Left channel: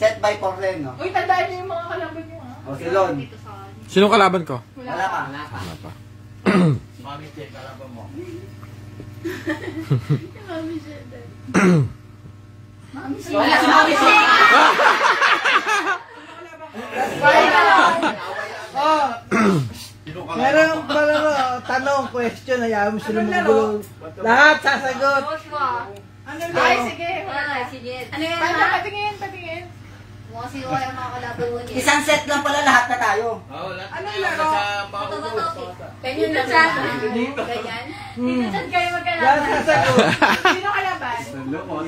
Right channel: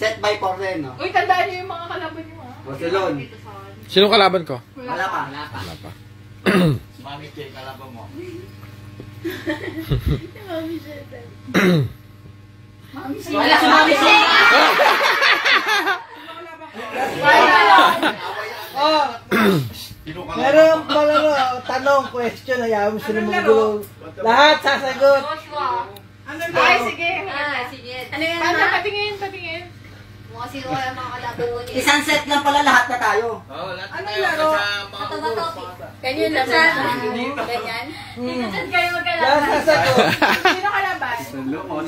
Set by 4 rin, no? Uy, tandaan niyo yung mga kalaban niyo, ha? O, silon. Sinong kalaban ko? Wala pa. Wala pa. Mami Jay, kalaban mo. Mami Jay. Wala si Mami Jay. Oh. Meron pala tanong, question, hayaan mo sila magulo. Lahat sasagot. Ay, sige. Ano yan, Paano, ha? patingin, patingin. Mga sino kaya mga kalaban mo niya? Isang set lang pala lahat na tayo. Anong laro? Ito ba topic? Ganyan na lang. Ganyan? Dito saan kayo Lahat magkalaban? sasagot. Sino kalaban? Salo po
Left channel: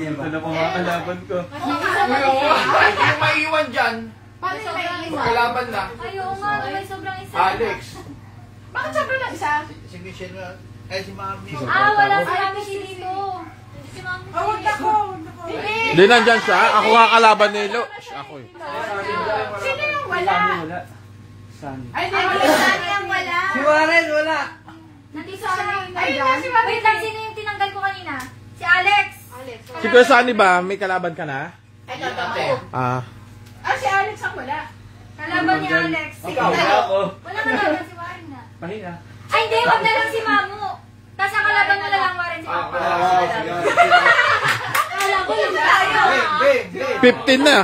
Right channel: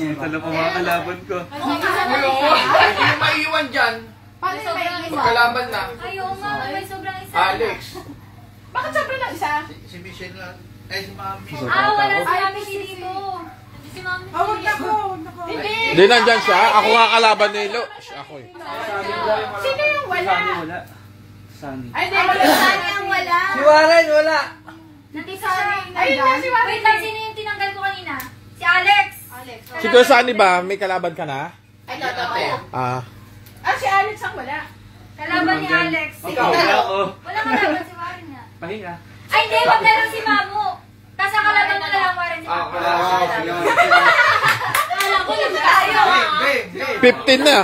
mga kalaban ko. Hindi maiiwan dyan. Paano yung may isa? Kalaban na. Ayaw nga, may sobrang isa. Alex. Bakit sobrang lang isa? Si Michelle nga. Eh, si Mami. Wala si Mami dito. Si Mami. Oh, wag ako. Hindi. Hindi nandyan siya. Ako nga kalaban ni Lo. Ako eh. Sino yung wala? Ay, hindi. Saan yung wala? Si Warren, wala. Nandito siya. Ay, hindi si Warren. Wait lang, sino yung tinanggal ko kanina? Si Alex. Si Kuya Sunny ba? May kalaban ka na? Ay, totoo. Ah. Ah, si Alex ang wala. Kalaban ni Alex. Si Wala kalaban si Warren nga. Pahinga. Ay, hindi. Wag na lang si Mamu. Tapos ang kalaban mo na lang Warren si Mamu. Wala ko lang tayo. 15 na.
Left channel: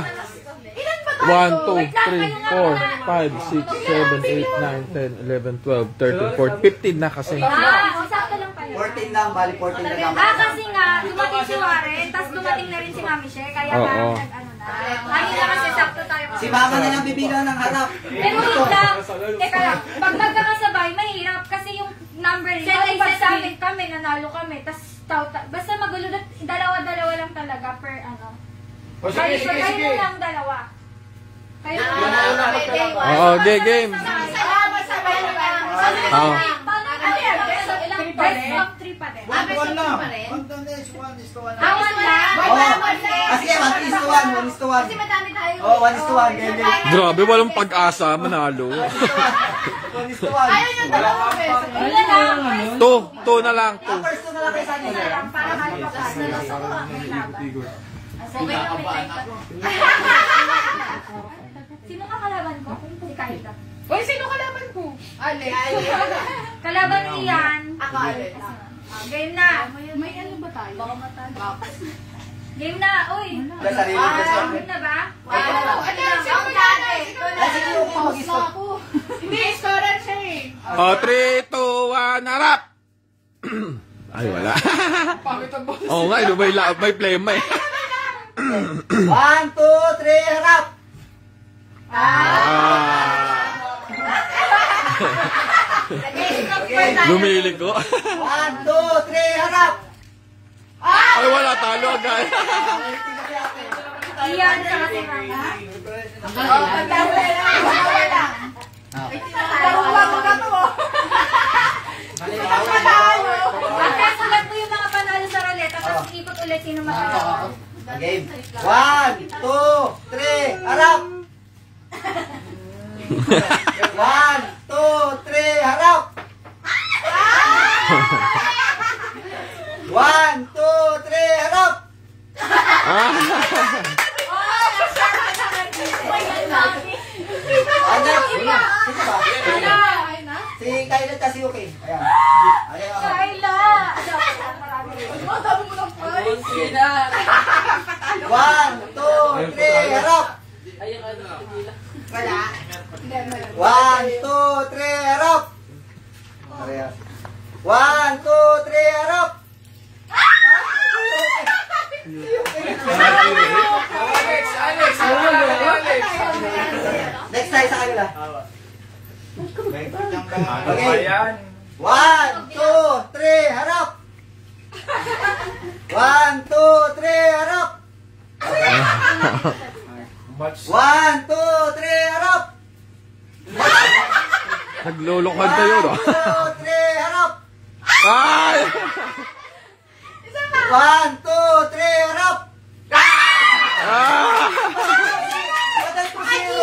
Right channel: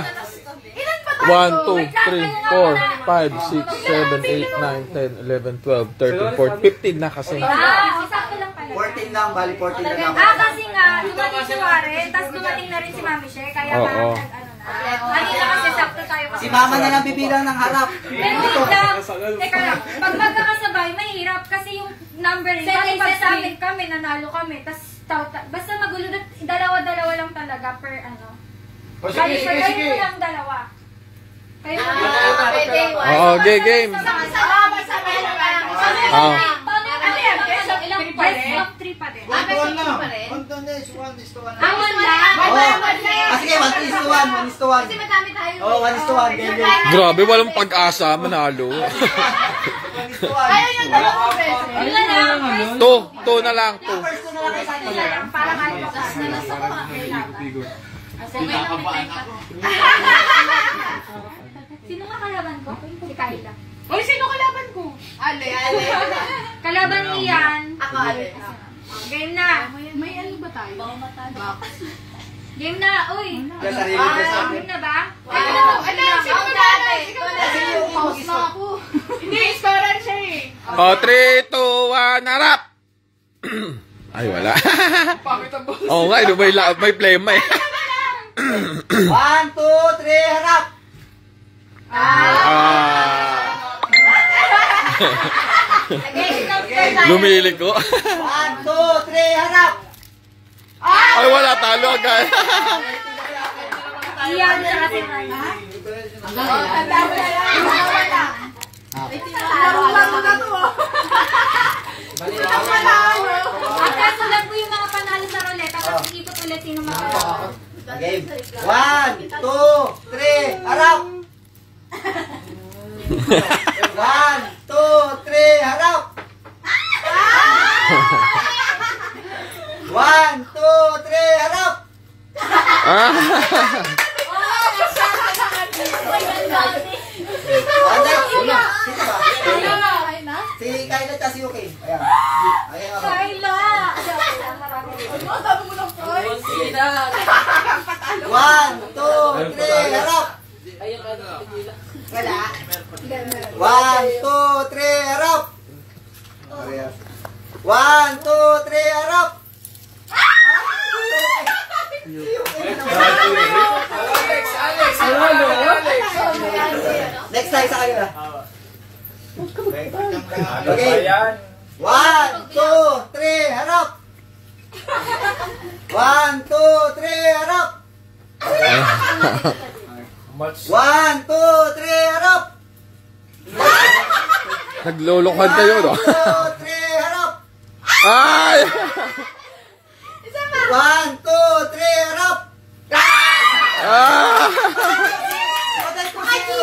1, 2, 3, 4, 5, 6, 7, 8, 9, 10, 11, 12, 13, 14, 15 na kasi. Sakto lang pala. 14 lang, bali 14 na lang. Kasi nga, dumating si Warren, tapos dumating na rin si Mami She, kaya parang nag-ano na. Ayun na kasi sakto tayo. Si Mama na lang bibilang ng harap. Pero wait lang, teka lang, pag magkakasabay, mahirap kasi yung number rin. Pag sa amin kami, nanalo kami, tapos basta magulo, dalawa-dalawa lang talaga per ano. Kali so kayo lang dalawa. Kayo Oo, game. Oo. Best of 3 pa din. Best of 3 pa rin? Sige, 1:1, 1:1. Kasi madami tayo. Oh, 1:1, game. Grabe, walang pag-asa. Manalo. 1:1. 2 na lang. 2. First ko na lang kay Sunny. Para malipas na lang ako. Okay lang, may time pa. Sino nga kalaban ko? Si Kaila. Uy, sino kalaban ko? Alex. Kalaban ni Ian. Ako, Alex. Game na. May ano ba tayo? Baka matalo. Game na, uy. Game na ba? Ano? Sino dati? Pause na ako. Hindi, storan siya eh. 3, 2, 1, harap! Ay, wala. Pangit ang boss. Oo nga, may plema eh. 1, 2, 3, harap! Lumili ko. 1, 2, 3, harap! Ay, wala, talo agad. Iyan na kasi mama. Laruan mo na to. Antay ko lang po yung mga panalo sa roulette. Tapos ikot ulit sino matalo. Game. 1, 2, 3, harap! 1, 2, 3, harap! 1, 2, 3, harap! Si Kayla at si Yuki. Ayan. Ayan ako. Kayla! 1, 2, 3, harap! 1, 2, 3, harap! 1, 2, 3, harap! Alex. Next tayo sa kanila. Okay. 1, 2, 3, harap! 1, 2, 3, harap! 1, 2, 3, harap! Naglulukan kayo, no? 1, 2, 3, harap! Ay! 1, 2, 3, harap! Patay ko sa'yo!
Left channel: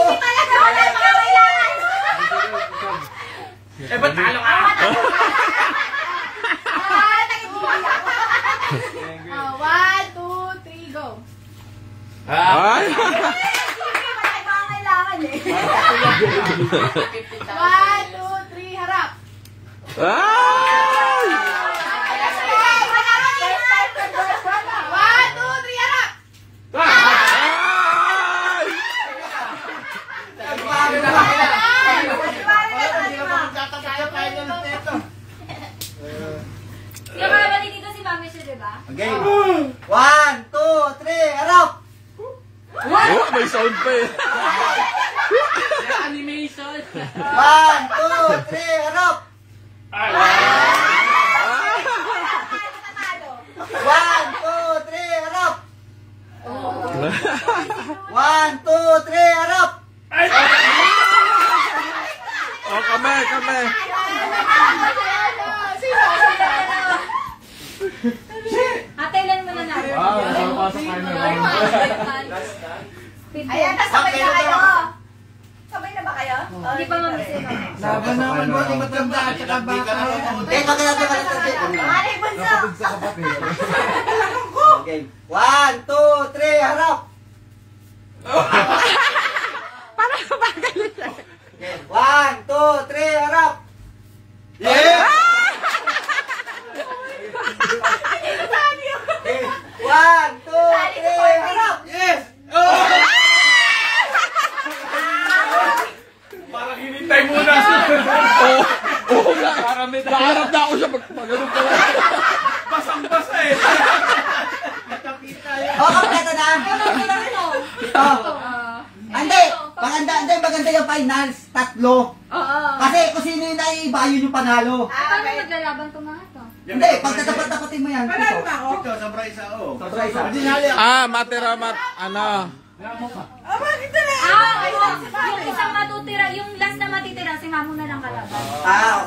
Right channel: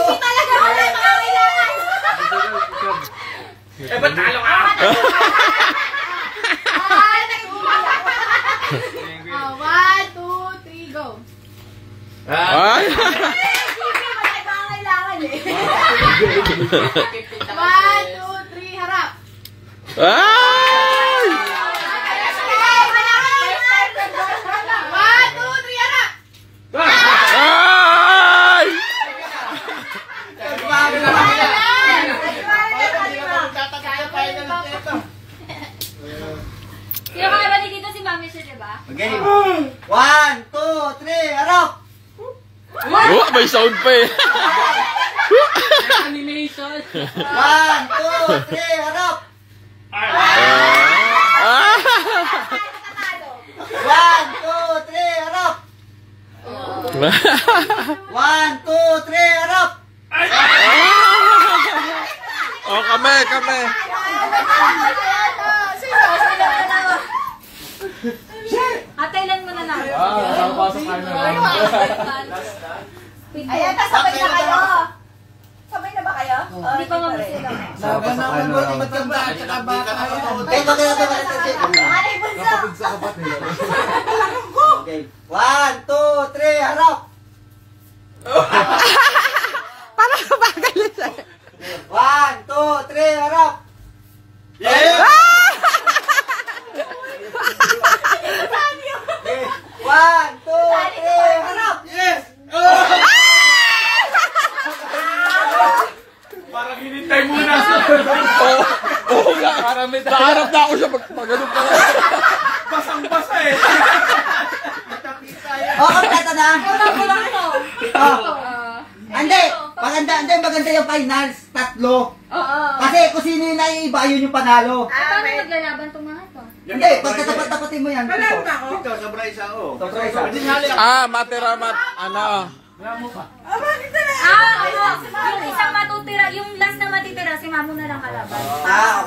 Eh, ba't talo ka? 1, 2, 3, go. Ay! harap. Ay! 1, 2, 3, harap. Ay! Yung kabali dito si Mami siya, diba? Okay. 1, 2, 3, harap! Oh, may sound pa eh. 1, 2, 3, harap! 1, 2, 3, harap! 1, 2, 3, harap! Oh, kami. Atailan mo na natin. Ayan, kasabay na kayo. Sabay na ba kayo? Hindi pa mamasira. Laban naman mo, matanda at saka bata. Okay, Ay, bunso! Okay. 1, 2, 3, harap! Parang kumagalit siya. 1, 2, 3, harap! Yes! 1, 2, 3, harap! Yes! Parang hinintay muna. Oo nga. Naharap na ako siya pag-ganun pa lang. Basang-basa eh. Kompleto na! Ito. Hindi! Maganda yung finals. 3. Kasi kung sino yung naiiba, yun yung panalo. Paano maglalaban itong mga to? Hindi, pagtatapat-tapatin mo yan. Ito, sobra isa. Sobra isa. Yung isang matutira, yung last na matitira, si Mamo na lang kalaban.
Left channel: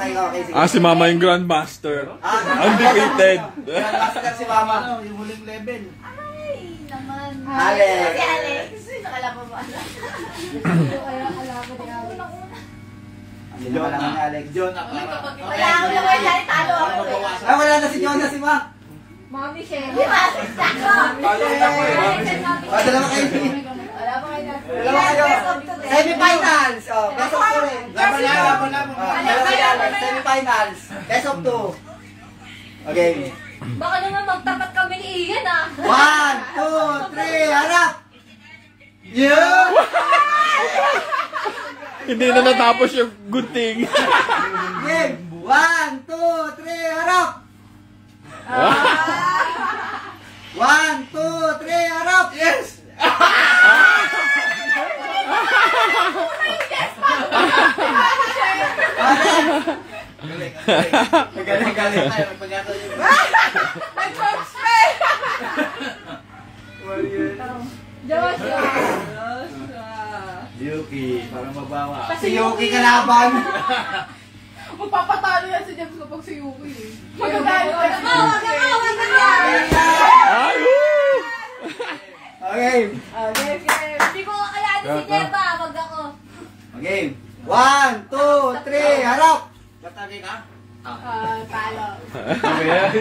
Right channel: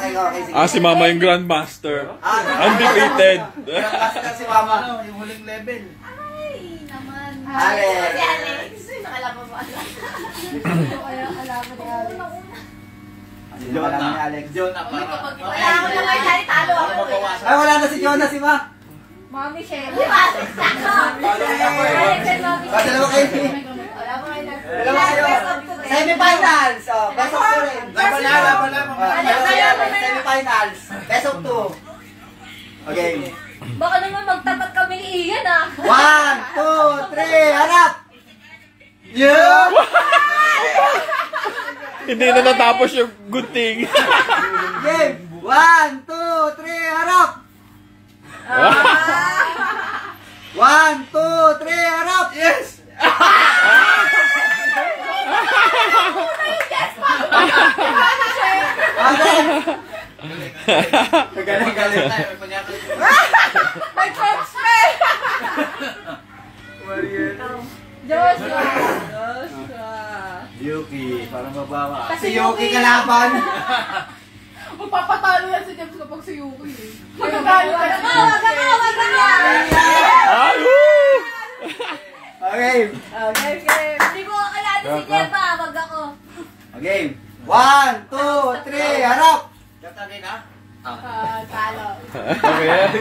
Okay, sige. Si Mama yung Grandmaster. Undefeated. Master si Mama. Yung huling level. Ay, naman. Alex. Si Alex. Nakalaban mo, Alex. Kaya alaban ni Alex. Hindi mo alam ni Alex. Jonah, parang. Wala ako naman dahil talo ako eh. Ah, wala na si Jonas, si Mac. Mami, Sherry. Di ba? Dalawa kayo. Wala pa kayo na. Dalawa kayo. Semifinals. Best of 2 rin. Laban na. Semifinals. Best of 2. Okay. Baka naman magtapat kami ni Ian ah. 1, 2, 3, harap! Yeah! Hindi na natapos yung good thing. Game! 1, 2, 3, harap! 1, 2, 3, harap! Yes! Galing. Joshua. Yuki, parang mabawa. Si Yuki kalaban. Magpapatalo yan si James kapag si Yuki eh. Magagalo ka na. Wag na. Ay, woo! Okay. Hindi ko kakalanin si Jeba. Wag ako. Okay. 1, 2, 3, harap! Katabi ka? Talo. Okay,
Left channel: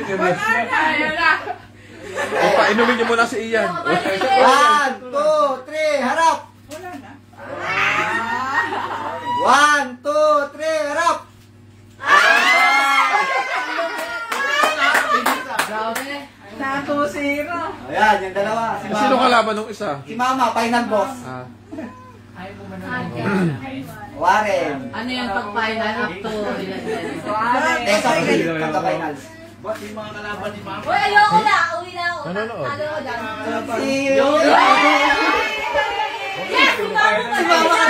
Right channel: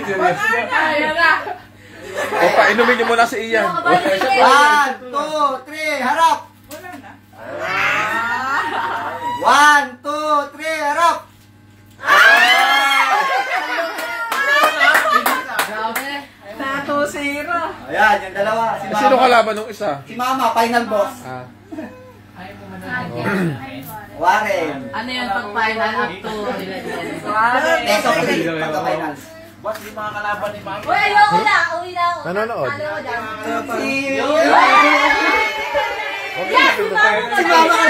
O, painumin niyo muna si Ian. 1, 2, 3, harap! 1, 2, 3, harap! Ayan, yung dalawa. Si Sino Mama. kalaban nung isa? Si Mama, final boss. Warren. Ano yan pag final up to 11? Best of 3, pagka-finals. Ba't yung mga kalaban ni Mama? Uy, ayoko na. Uwi na ako. Nanonood. Talo ko lang. Si Yes, si Mamo. Si Mama.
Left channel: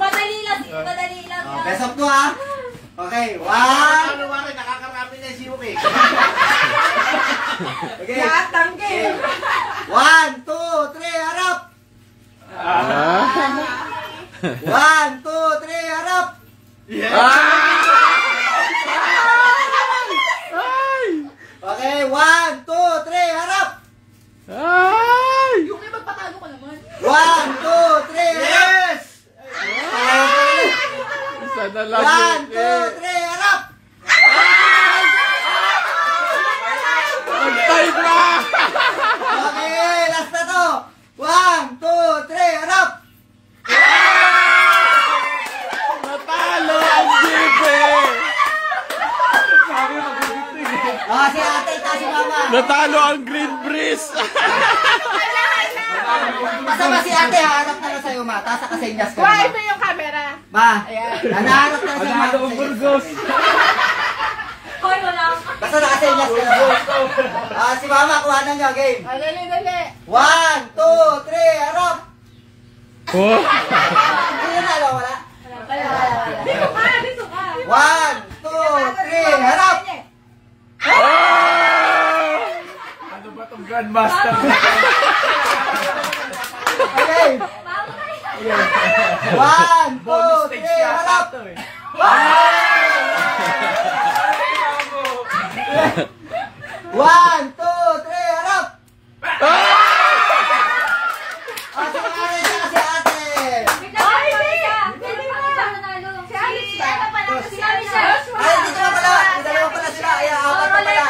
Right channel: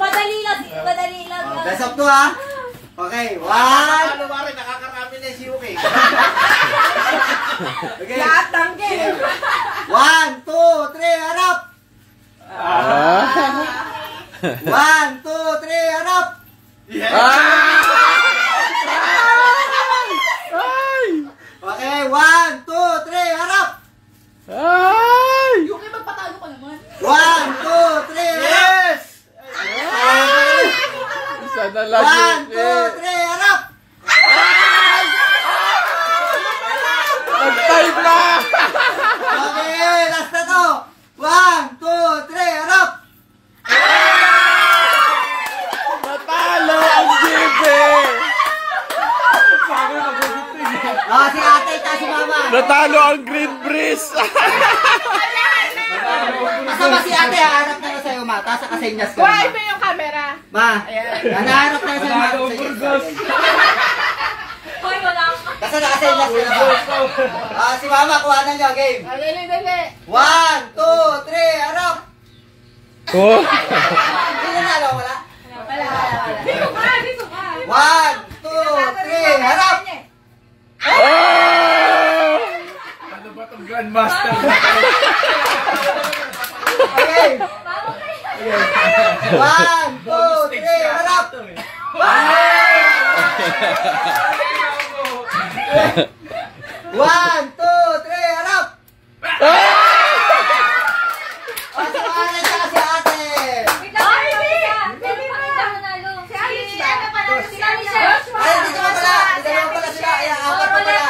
Madali lang. Madali lang. Best of 2, ha? Okay, 1. Ano ba rin, nakakarami na si Yuki. Okay. Lahat ng game. 1, 2, 3, harap! 1, 2, 3, harap! Yes! Okay, 1, 2, 3, harap! Ay! Yuki, magpatalo ka naman. 1, 2, 3, harap! Isa na lang 1, 2, 3, harap! Nag-type na! Okay, last na to! 1, 2, 3, harap! Si ate at si mama. Natalo ang Green Breeze. Kasama si ate, haharap na sa'yo, ma. Taas ka sa inyas ko. Kuhain mo yung camera. Ma, naharap na sa'yo, ma. Hoy, wala ka. Basta nakasayas ko na. Si mama, kuhanan niyo, game. Dali. 1, 2, 3, harap! Oh. Hindi na nalo, wala? Dito ka. 1, 2, 3, harap! Ano ba itong Grandmaster? Okay. 1, 2, 3, harap! 1, 2, 3, harap! Si ate at si ate. Ay, hindi ka pala. Dalawa pala sila. Ay, apat pa pala.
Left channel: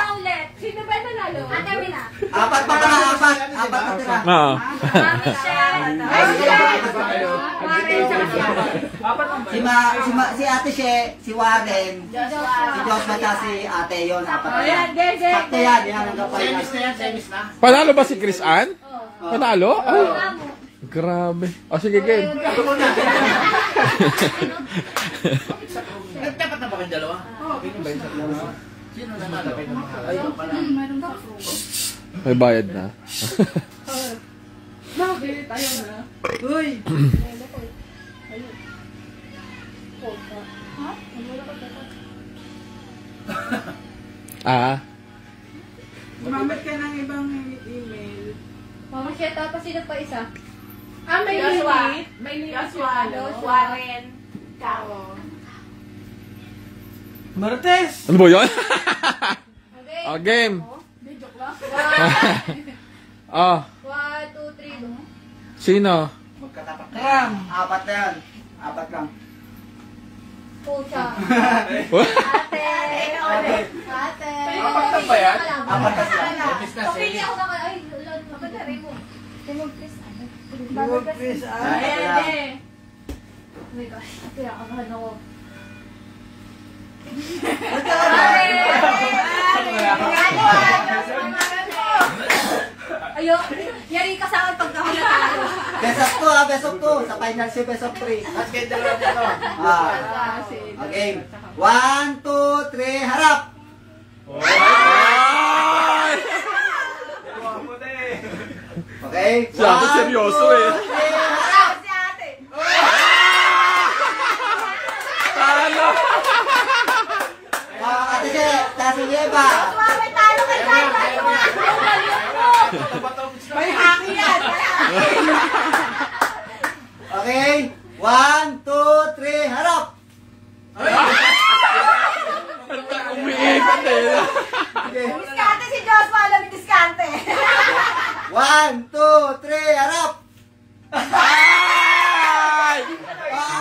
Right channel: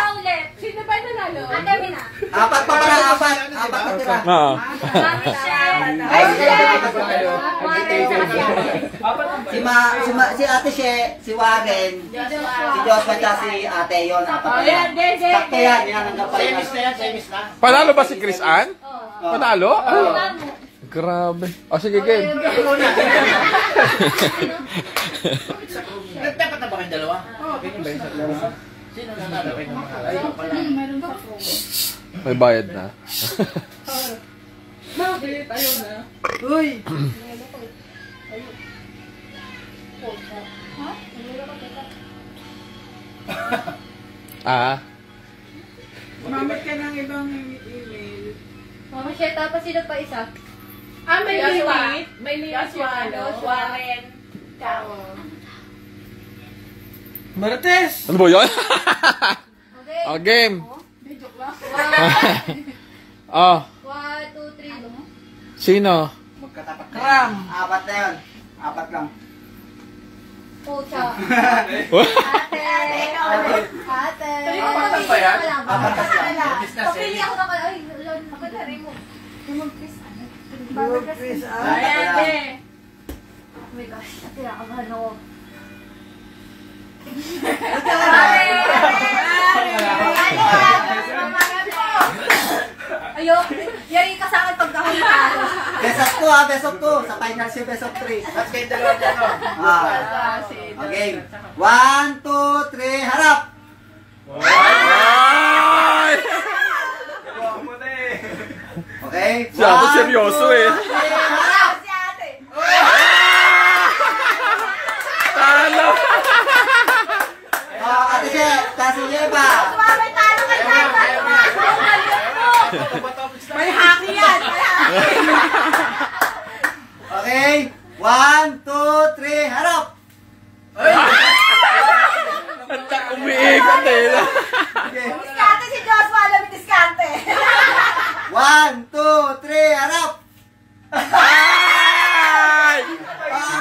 Sino ba nanalo? Apat pa pala, apat. Apat na tira. Oo. Si ate si Warren, si Joshua at si ate yon. Sakto yan, yan ang kapal. Semis na. Panalo ba si Chris Ann? Panalo? Ah. Grabe. O sige, game. Dapat na ba kayong dalawa? Sino na nalapay ng mga May bayad na. Bakit? Ayaw na. Uy! Ah. Gumamit ka ng ibang email. Mama, share tapos sino pa isa? May limit? May limit yung Warren. Martes! Ano ba yan? Okay. O, game. Oh, 1, 2, 3. sino? Magkatapat na Kram! yan. Apat na yan. Apat lang. Pusa. What? Ate. Apat pa yan? Apat na lang. Semis na, Pili semis. ako naman. Ay, lolo. Ako na rin mo. Tumagpis. Chris, Ayan, oh my gosh. Kinakabahan ako. Ayo, yari ka sa akin pag ako natalo. Best of 2 ha, best of 2. Sa final si best of 3. At kayo dalawa dyan, no? Okay. 1, 2, 3, harap! Ay! Okay. Si ate seryoso eh. 1, 2, 3, harap! Si ate. Talo! Ate siya, taso niya ba? May talo kay Tata. May haki yan. Okay. 1, 2, 3, harap! Ang umiikot eh. Diskarte si Joshua. Alam yung diskarte. 1, 2, 3, harap! Ay!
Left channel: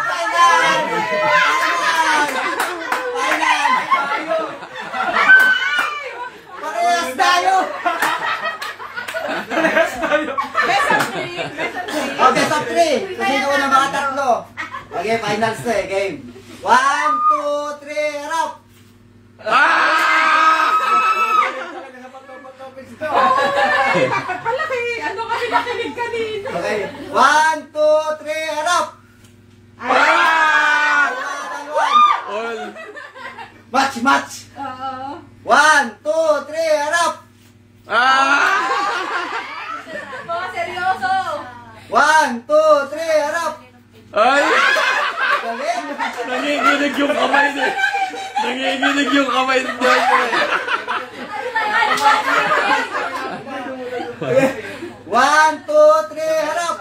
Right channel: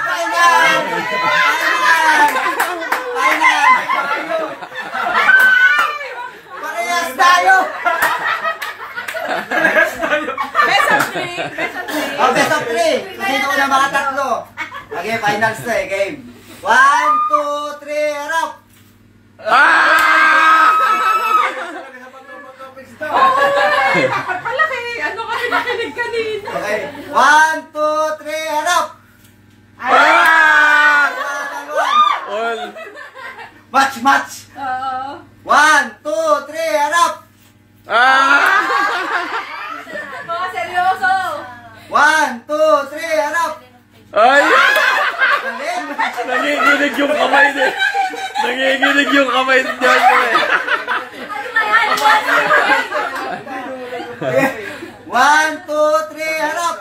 Final! Final! Parehas tayo! Best of 3. Kasi ito na mga tatlo. Okay, finals to eh. Game. 1, 2, 3, harap! Pala kay ano kasi nakinig kanina. Okay. 1, 2, 3, harap! Oy! Match, match! 1, 2, 3, harap! Mga seryoso. 1, 2, 3, harap! Ay! Galing! Nanginginig yung kamay niya. Nanginginig yung kamay niya. Okay. 1, 2, 3, harap!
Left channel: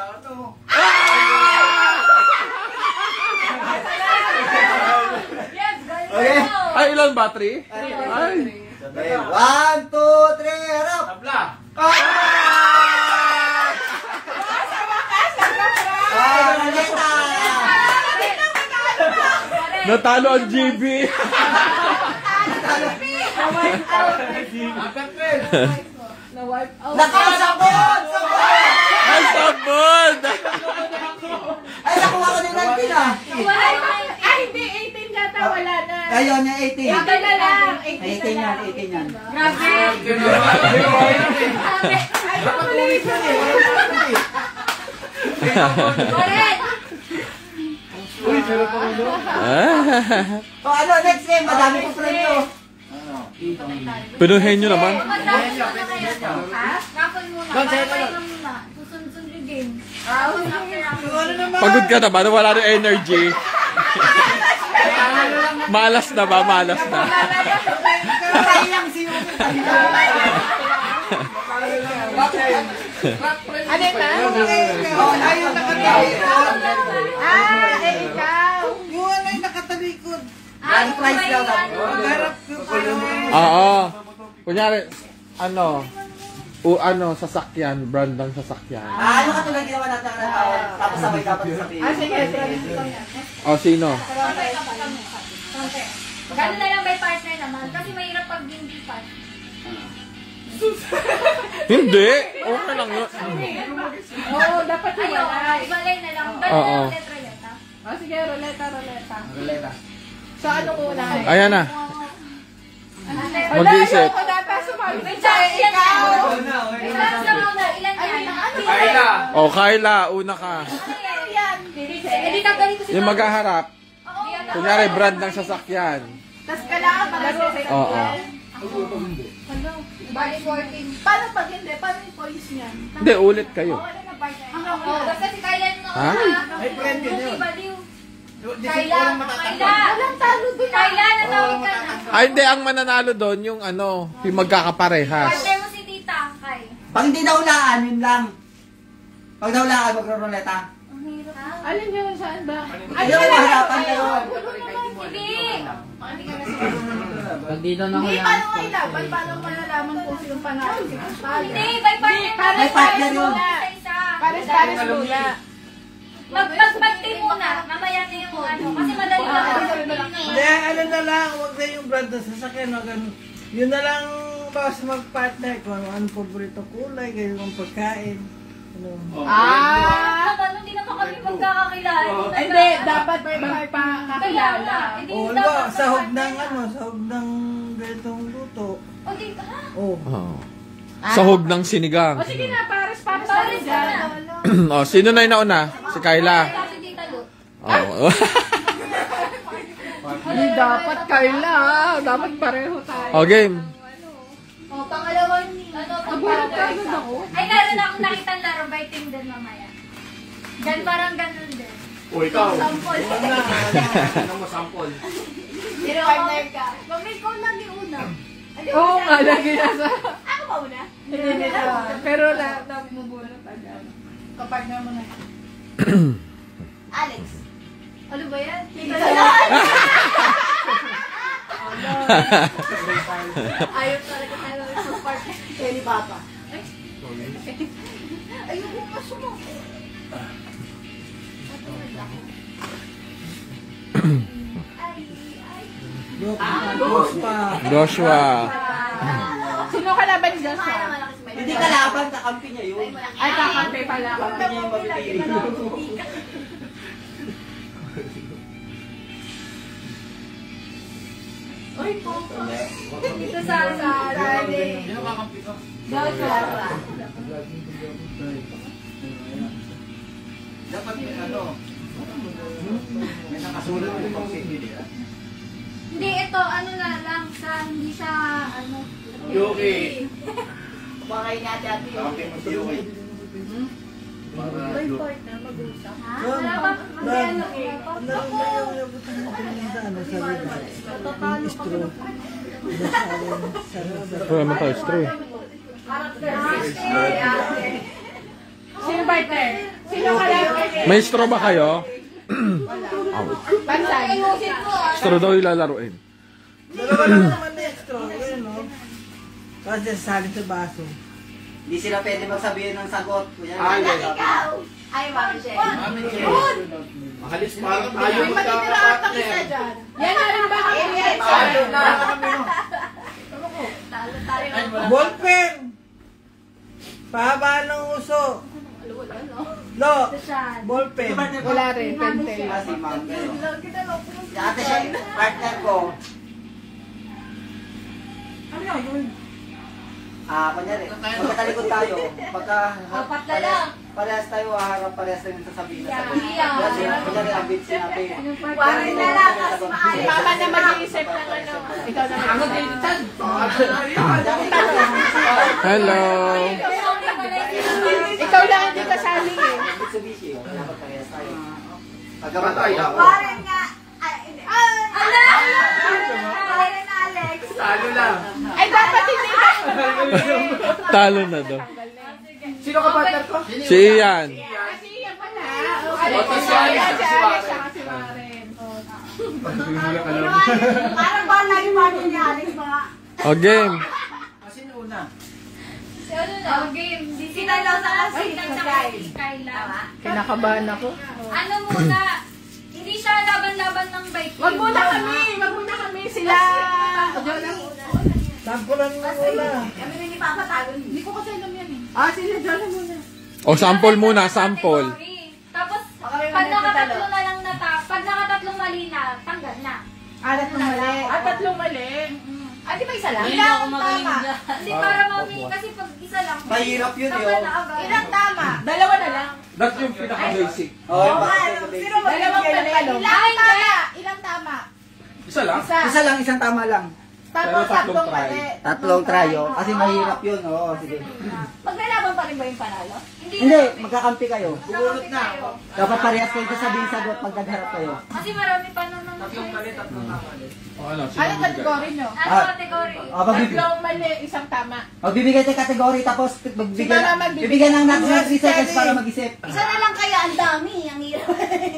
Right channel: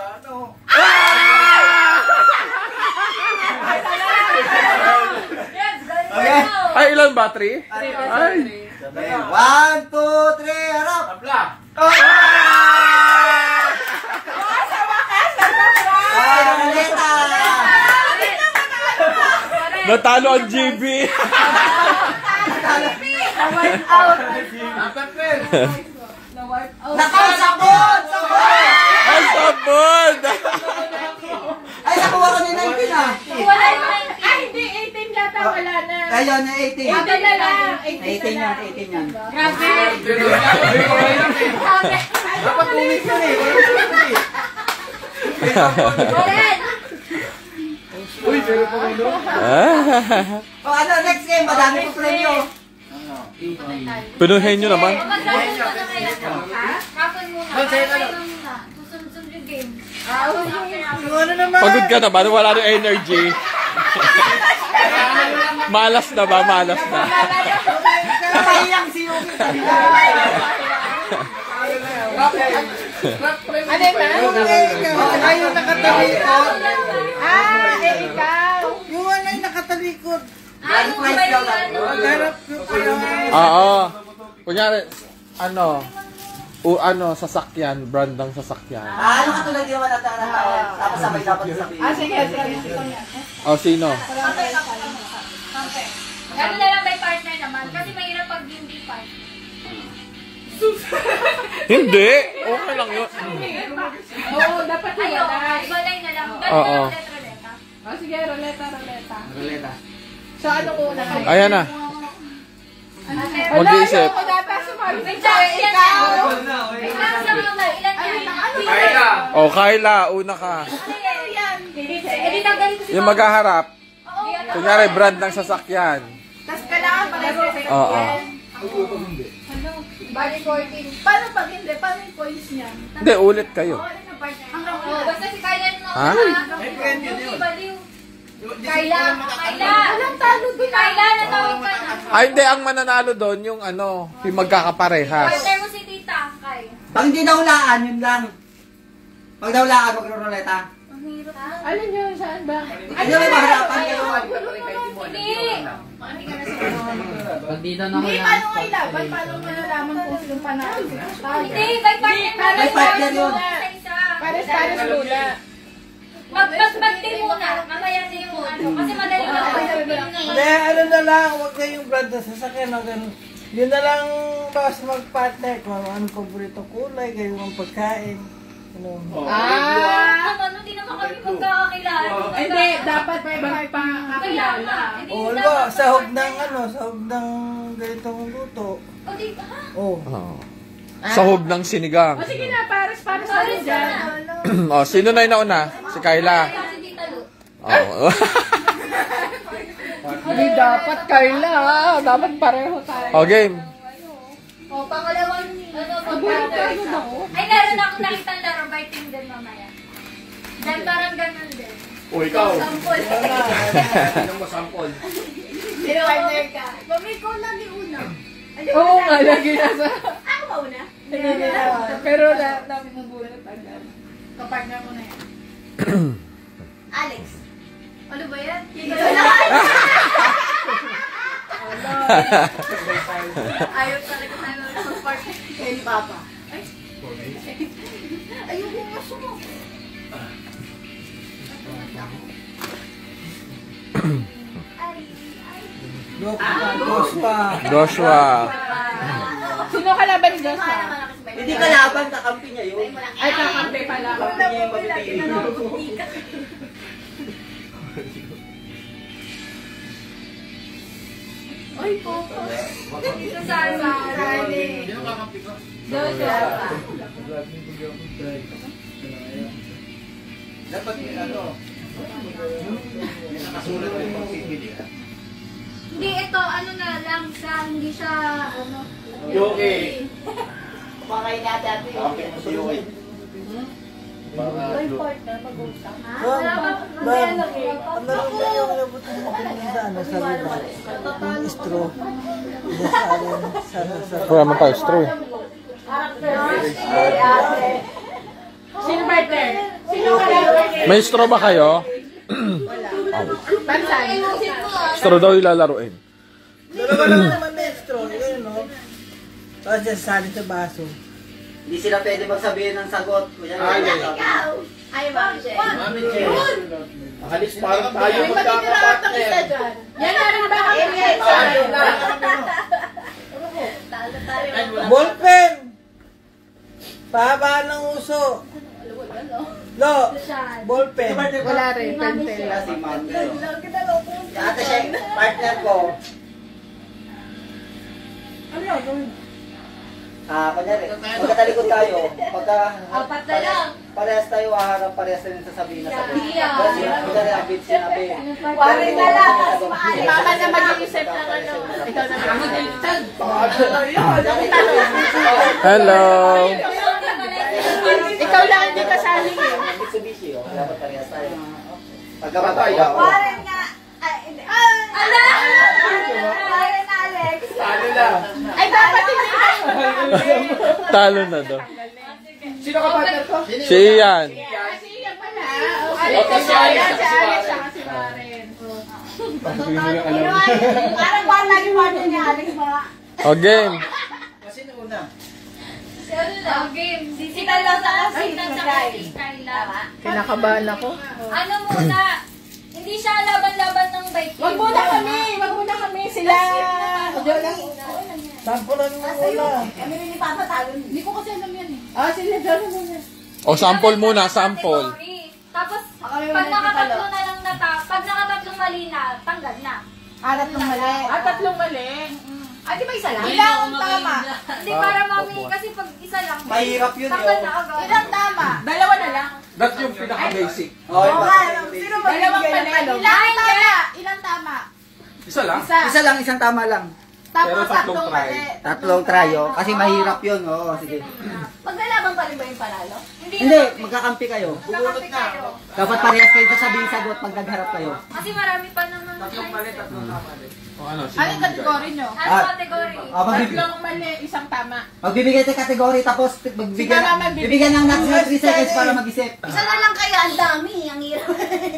Okay. Ay, ilang battery? Ay! Okay. 1, 2, 3, harap! Tabla. Ruleta! Natalo ang GB! Apat rin. Nako, sabon! Sabon! Ay, sabon! Ay, nakuha ko ni Nantin ah! Wala yung ay, hindi, 18 yata na, wala na. Ngayon na 18. Ito na lang. 18 yan, 18 yan. Grabe. Dapat ulit yun eh. Correct. Uy, pero tumino. O ano, next game, madami ko premyo. Pinuhin nyo naman. Magdami ko na kaya ito. Kapon muna. Susunod yung game. Ano naman? Pagod ka na ba? Wala rin energy. Malas na ba? Malas na. Sayang si Yuki. Ano na? Ayun nakatalikod. Ikaw. Yung ano yung nakatalikod. Grand prize daw lang. Garap ko kayo. Oo. Kunyari, sasakyan, brand ng sasakyan. Ano katulad yung mga natataon? Tapos sabay dapat sabihin. Sige. O, sino? Gano'n na lang may partner naman. Kasi mahirap pag hindi partner. Hindi. Okay lang yun. Oo, dapat hiwalay. Iwalay na lang. Oo. Ruleta. Sige, ruleta. Ruleta. So, anong una? Ayan na. Mag-iisip. Ayoko na, tapos sumali. Wait lang, ilan yan? Ilan yan? Kayla. O, Kyla, una ka. Eh, di tanggalin ko si Yung maghaharap. Kunyari, brand ng sasakyan. Tapos kailangan pag-assess. Oo. Bali 14. Paano pag hindi? Paano yung points niyan? Hindi, ulit kayo. Basta si Kyla yung Ha? May premyo na yun. Kyla. Walang talo doon. Kyla, natawag ka na. Ay, hindi. Ang mananalo doon, yung yung magkakaparehas. Partner mo si Tita Kay. Pag hindi naulaan, yun lang. Pag naulaan, magro-ruleta. Ang hirap na. Alin yun? Saan ba? Hindi mo maharapan kayo. Pag dito na Hindi, paano kayo laban? Paano malalaman kung sino panalo? Hindi, by partner. May partner yun. Isa-isa. Pares muna. Mag-team muna. Mamaya din yung kasi madali ka. Hindi, ano na lang, huwag na yung brand na sasakyan. Yun na lang bawas mag-partner kung anong paborito kulay, kayo ang pagkain. Hindi naman kami magkakakilala. Hindi, dapat magpakakilala. Oo, sahog ng ganitong luto. Oo. Sahog ng sinigang. Sige na, pares na rin dyan. O, sino na yung nauna? Si Kyla. Si Tita Lu. Oo. Hindi dapat, Carla. Dapat pareho tayo. O, game. Pangalawang ay, laro na akong nakita ang laro by team din mamaya. Parang ganun din. O, ikaw. Sample. Tingnan mo, sample. Pero partner ka. Mami, ikaw lang yung una. Oo nga, lagi nasa. Ako ba una? Hindi na. Pero lagi mo muna ng tagdaan. Kapartner mo na yan. Alex. Ano ba yan? Ayaw talaga tayo ng partner. Kaya ni Papa. Ayoko nga sumok. Joshua. Sino kalaban ni Joshua? Hindi kalaban, kakampi niya yun. Ay, kakampi pala. Kakampi niya yung mabibigay. Uy, Coco. Hindi ka sasarali. Dapat may may nakasulat yung pag-sigil. Hindi, ito, na lang sa, hindi siya, Yoke. Baka yun natin ate. Kakampi mo sa Yoke. Partner, mag-usap. Ano ba yung nabutin mo sa ribat? Yung straw. Wala mo tayo, straw. Sino partner? Sino kalaban? May straw ba kayo? Pansan. Straw daw ilalaruin. Dalawa lang naman na straw. Ganyan, no? Tapos sasali sa baso. Hindi sila pwede magsabihin ng sagot. Ikaw! Ay, Mami Jen. Mami Jen. Mahalis parang tayo May matitira at ang isa dyan. Yan na rin ba kami? Talo tayo. Ballpen! Pahaba ng uso. No, ballpen. Wala rin, pentel lang. Si ma'am. Ate siya, partner ko. Kunyari, magkatalikod tayo. Apat na lang. Parehas tayo haharap, parehas tayo sasabihin na sagot. Yeah. Kasi, kunyari, ang bit sinabi. Warin na lang. Kasi maaari. Mama na mag-iisip ng ano. Ikaw na mag-iisip. Hello. Ikaw lang hindi kasali eh. Mitsubishi, dapat parehas tayo. Pagkamatay. Warin nga. Ala! Warin Alex. Ay, dapat hindi ka. Talo na daw. Sino ka partner ko? Si Ian. Kasi yan pala. Si Alex saka si Maren. Parang ba lagi partner ni Alex mga... O, game. Sino una? Game. Sila lang sa kasita sa Kayla. Kinakabahan ako. Ano muna? Hindi siya laban-laban ng bike. Wag muna kami. Sila. Sampulan mo muna. Kami rin ipapatalo. Hindi ko kasi alam yan eh. Sila dyan muna. O, sample muna, sample. Tapos, pag nakatatlo na lang pag nakatatlong mali na, tanggal na. Tatlong mali. Tatlong mali. Di ba isa lang? Ilang tama? Hindi para mami, kasi pag isa lang. Mahirap yun tanggal yun. na agad. Ilang tama? Dalawa na lang. That's yung pinaka-basic. Okay, Dalawang mali. Ilang tama? Isa lang? Isa lang, isang tama lang. Tapos Pero tatlong tatlong try. mali. Tatlong tryo. Kasi mahirap yun. Oo, sige. Maglalaban pa rin ba yung panalo? Hindi, magkakampi kayo. Bubulot na. Dapat parehas kayo sasabihin sagot pag nagharap kayo. Kasi marami pa naman. O ano? Anong kategory nyo? Ano category? Tatlong mali, isang tama. Magbibigay tayo kategory tapos bibigyan ng natin 3 seconds para mag-isip. Isa na lang kaya, ang dami. Ang hirap.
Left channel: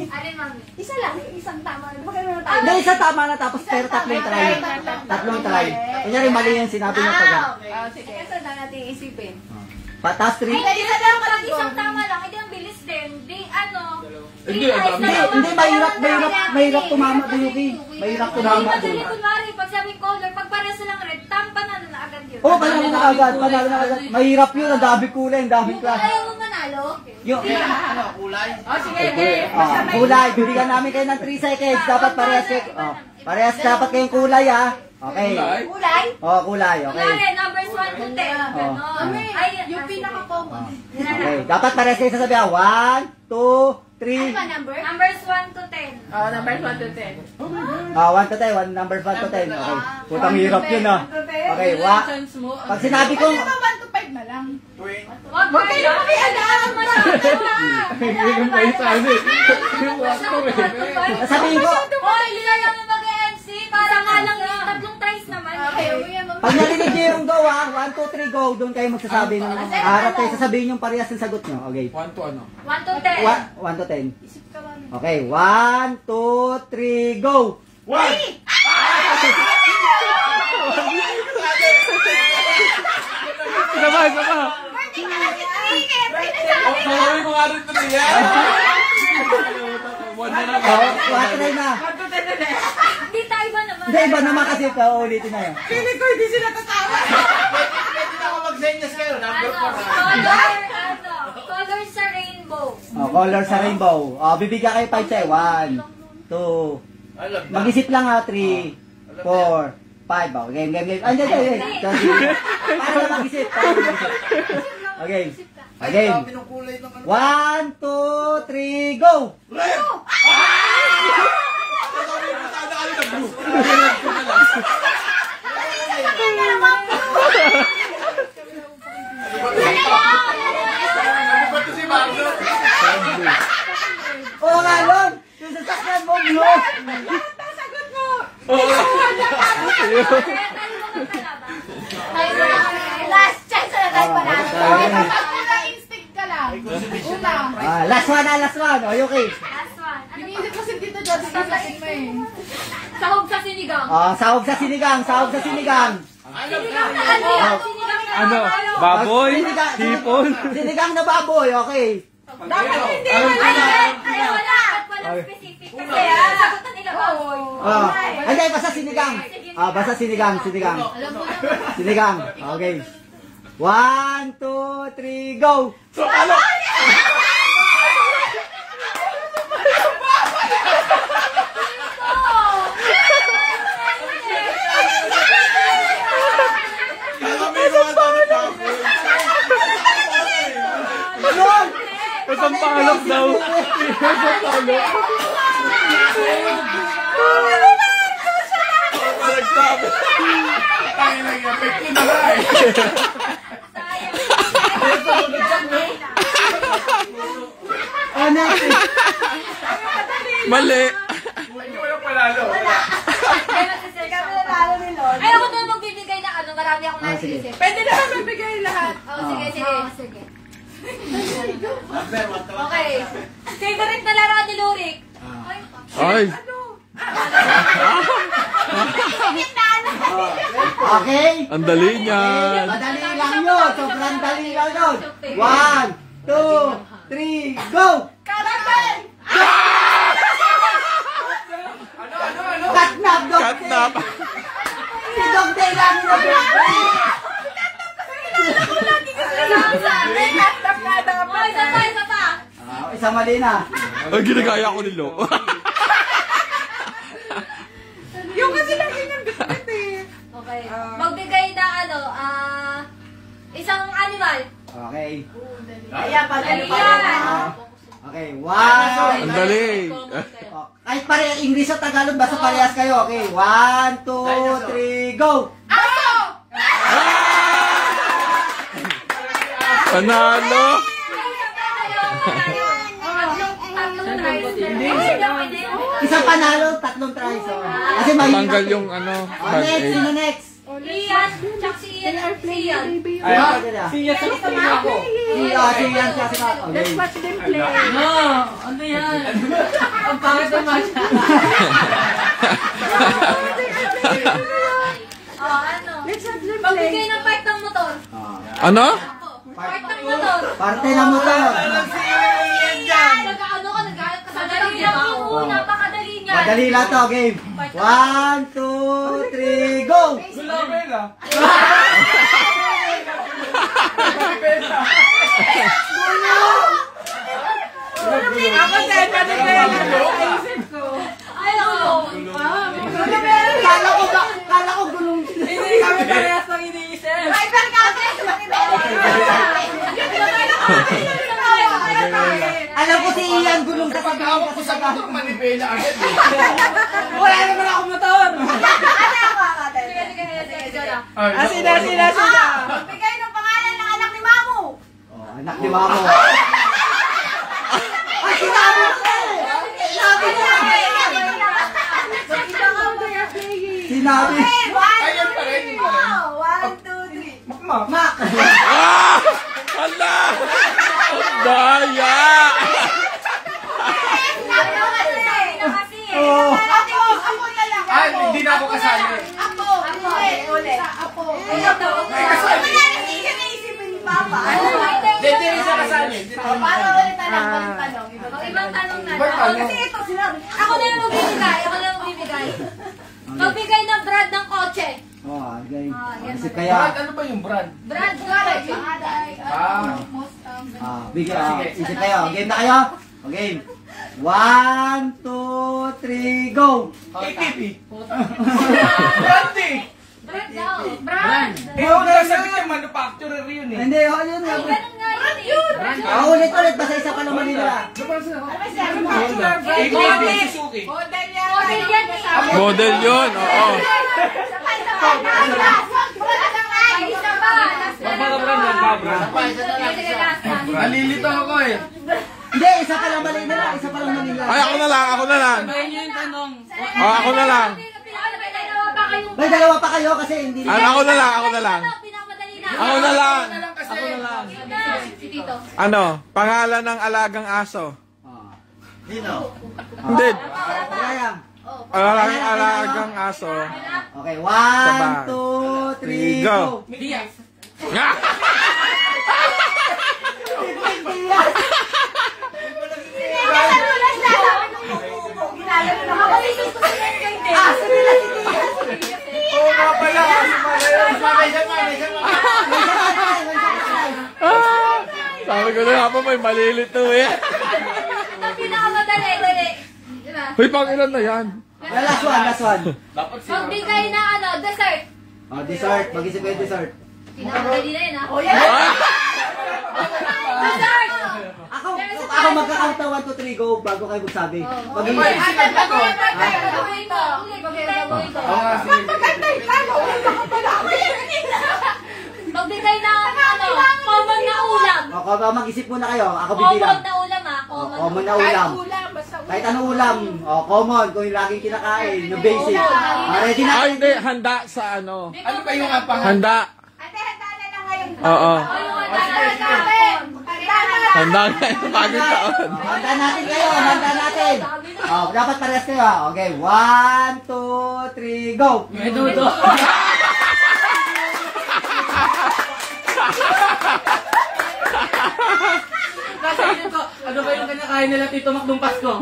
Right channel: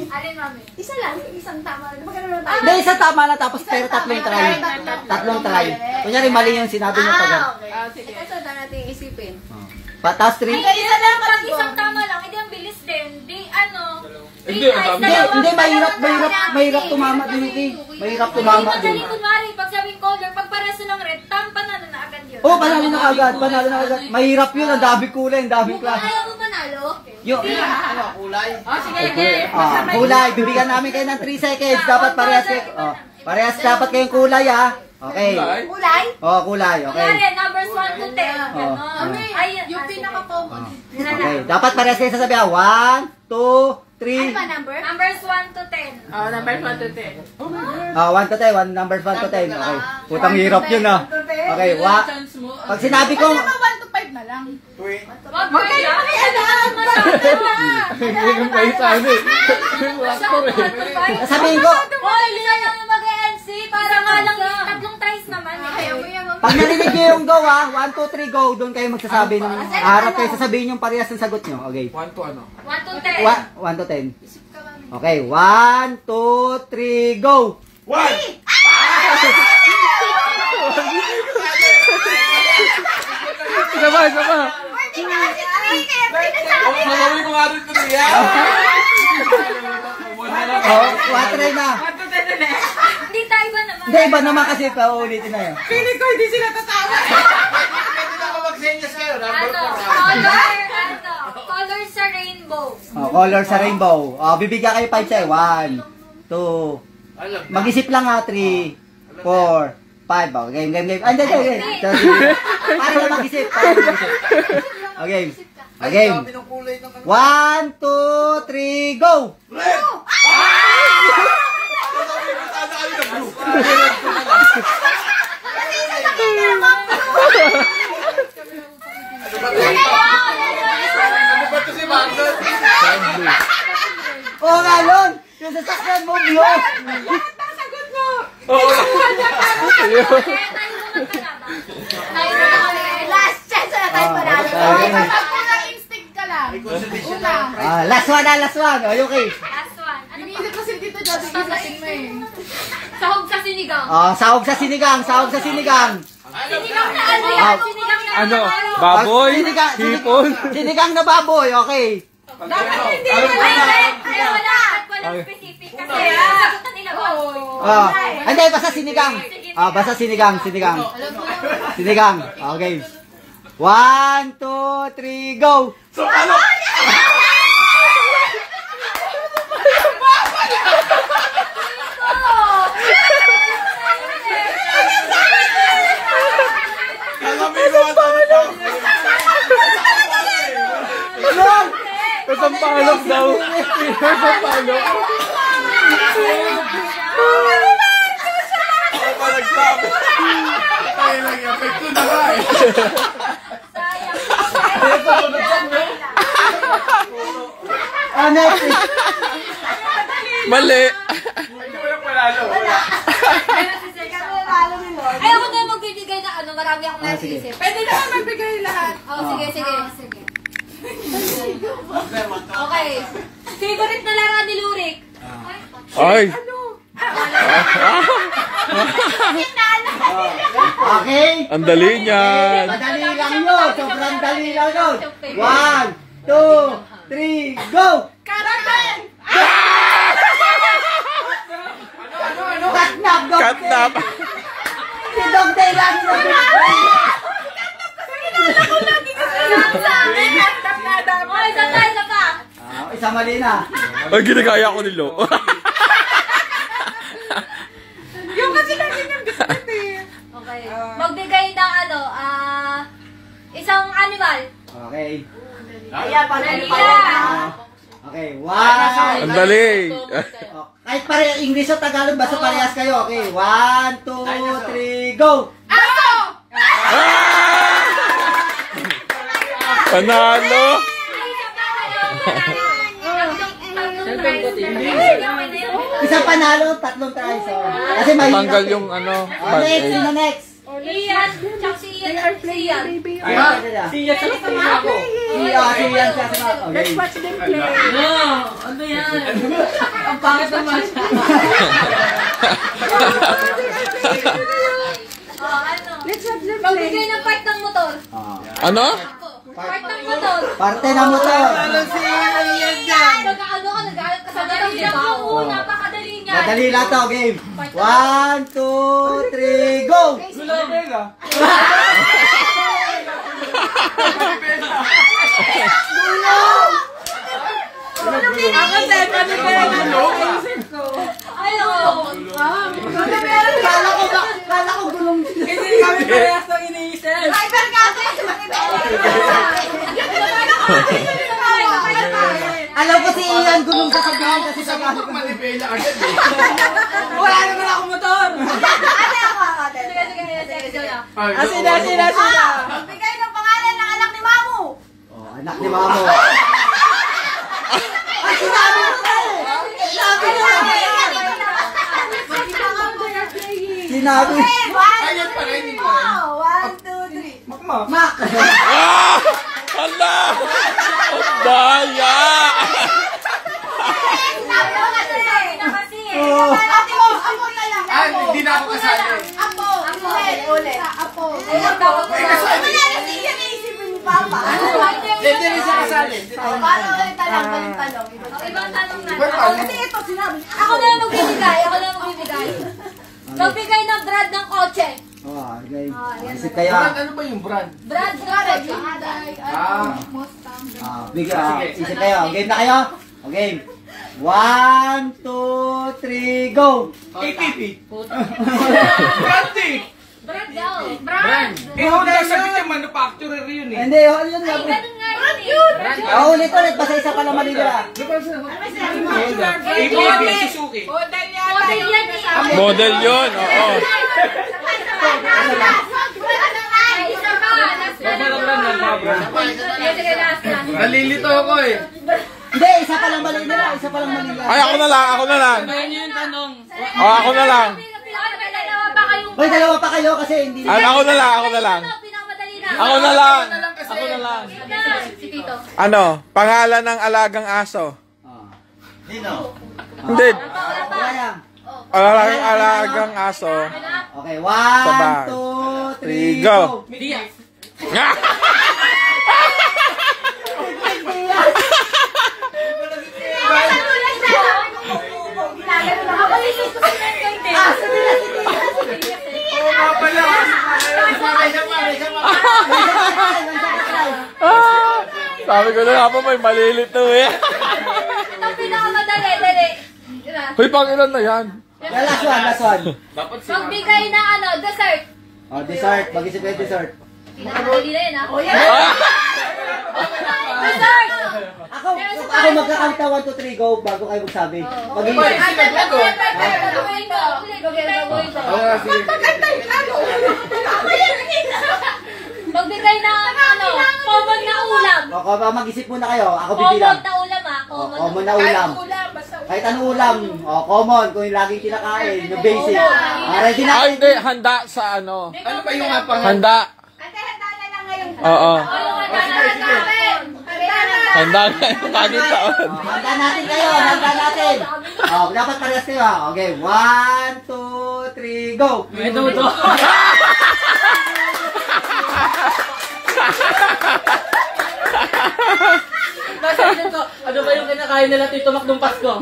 Alin mami? Isa lang, isang tama. Magkano tayo? Hindi, isang tama na tapos pero tatlong try. Tatlong try. Kunyari mali yung sinabi niyo pag. Okay. Sige. Kasi na natin isipin. Patas 3. Ay, isa lang pag isang tama lang. Hindi ang bilis din. Di ano. Hindi, ang dami. Hindi, mahirap tumama din ito. Mahirap Hindi tumama madali din. kunwari. Pag sabing color, pag pareso lang red, panalo na agad yun. Oo, panalo na agad. Mahirap yun, ang dami kulay, ang dami class. Ayaw mo panalo? Yung Kulay? Sige, game. kulay, bibigyan namin kayo ng 3 seconds. Dapat parehas kayo. Parehas dapat kayong kulay ha. Okay. Kulay? Kulay, okay. Kunwari, numbers 1 to 10. Ganon. Ay, Yung pinaka-common. Okay, dapat parehas kayo sasabihan. 1, 2, 3. Ano ba number? Numbers 1 to 10. Numbers 1 to 10. 1 to 10, numbers 1 to 10. Okay. So, panghirap yun ha. Okay, pag sinabi ko, Pwede ba 1 to 5 na lang? Wag kayo makialam. Yung pa isa, ano eh. sabihin ko, Hoy, hindi na namin mag-MC. Para nga lang yung tatlong tries naman. pag narinig nyo yung go ha, 1, 2, 3, go, doon kayo magsasabi ng, harap kayo sasabihin yung parehas ng sagot nyo. Okay. 1 to ano? 1 to 10. 1 to 10. Okay, 1, 2, 3, go! 1! Isa pa. Sabi mo nga rin ito niya. Try na. Hindi tayo ba naman? Hindi, iba naman kasi paulitin na yun. Feeling ko hindi sila tatawa. Color sa rainbow. Color sa rainbow. Bibigyan kayo 5 tayo. 1, 2, mag-isip lang ha, 3, 4, 5. Game. Hindi. Paano mag-isip? Okay. 1, 2, 3, go! Oo nga yun! Yung sasakyan mo, yun! Last chance na tayo panalo. Una instinct ka lang. Una. Last one. Okay. Last one. Ano ba? Iniisip kasi dito dati isasin mo eh. Sahog sa sinigang. Sahog sa sinigang. Sinigang na ano yan? Sinigang na Ano? Baboy? Sinigang. Hipon? Sinigang na baboy, okay. Dapat hindi Ay, na lang. hindi. Wala specific. Kasi sagutan nila baboy. Hindi, basta sinigang. Basta sinigang. Sinigang. Okay. 1, 2, 3, go! Kasampalok daw. Kasampalok. Mali. Ay, ako na magbibigay na ano, marami akong naisip. Pwede naman magbigay lahat. Oh, sige. Okay. Favorite na laro ni Lurik. Ay. Okay? Ang dali niyan. Madali lang yun. Sobrang dali lang yun. 1, 2, 3, go! Karakan! Katnap! Katnap. Si Dog Day lang yun. Oh, isa pa. Isa mali na. Ay, ginagaya ko ni Lo. Yung kasi lagi ng biscuit eh. Okay. Magbigay ng ano, isang animal. Okay. Ayan, Dali pag yan. Okay, 1. Ang dali. Kahit parehas English o Tagalog, basta parehas kayo. Okay, 1, 2, 3, go! Aso! Panalo. Isang panalo, tatlong tries. Kasi mahirap. Tanggal yung ano. Next, sino next? Ian, tsaka si Ian. Si Ian siya sa Let's watch them play. Let's watch them play. Magbigay ng part ng motor. Ano? Part ng motor. Parte na mo to. Nag-ano ka sa dali lang yun. Oo, napakadali nga. Madali lang to, game. 1, 2, 3, go! Ako sa'yo, paano kaya lang sa isip ko? Ay, oo. Kala ko gulong. Hindi kami parehas ng iniisip. Driver ka, Alam ko si Ian gulong sa sabihan kasi sa gamit ko. Wala naman ako motor. Sige. Sila. Bigay ng pangalan ng anak ni Mamu. Oh, anak ni Mamo. Ay, sinabi ko! Sinabi. One, two, three. Mak! Ah! Hala! Ang daya! Oh. Hindi na ako kasali. Apo. Ulit. Apo. Ayun, tawag ko. Kasi naisipin ni Papa. Hindi siya kasali. Para ulit tanong. Ibang tanong na. Kasi ito sinabi. Ako na magbibigay. Magbigay ng brand ng kotse. Oh, game. yan Isip ba? kayo. Ano ba yung brand? Brand garage. Isip kayo. Game na kayo? Okay. 1, 2, 3, go! ATP. Brandy. Brand daw. Brand. Sabi niya manufacturer yun eh. Hindi, ano yun? Ay, ganun nga yun eh. Ulit. Basta isa pa lang mali na. ATP, Suzuki. Model yan eh. Model yun, oo. Ay, isa pa. Sige, last na. Nalilito ako eh. Hindi, isa pa lang mali na. Ay, ako na lang. Oh, ako na lang. May dalawa pa kayo kasi hindi. Ako na lang. Ako na lang. Si Tito. Ano? Pangalan ng alagang aso. Dino. Hindi. Kaya. Alagang aso. Okay, Sabay. 1, 2, 3, 3, go. Oo nga pala. Sabi ko na nga pa may malilito eh. Ito pinakamadali, dali. Hoy, pang ilan na yan? Yan, last one. Magbigay ng ano, dessert. Oh, dessert. Mag-isip kayo dessert. Pinakamadali na yun, ha? Dessert! Ako magkakount na 1, 2, 3, go bago kayo magsabi. Mag-isip. Magbigay ng ano, common na ulam. O, mag-isip muna kayo. Ako Common bibilang. na ulam, ha? Common na ulam. Kahit anong ulam. O, common. Kung yung laging kinakain. Yung basic. Ready na? Ah, hindi. Handa sa ano? Ano ba yung apang? Handa. Ate, handa na lang ngayon. Oo. Handa Handa na yung bagong taon. Handa natin kayo. Handa natin. O, dapat parehas kayo. Okay. 1, 2, 3, go. Menudo. Nasa isip ko, ano ba yung kinakain nila Tito Mac nung Pasko?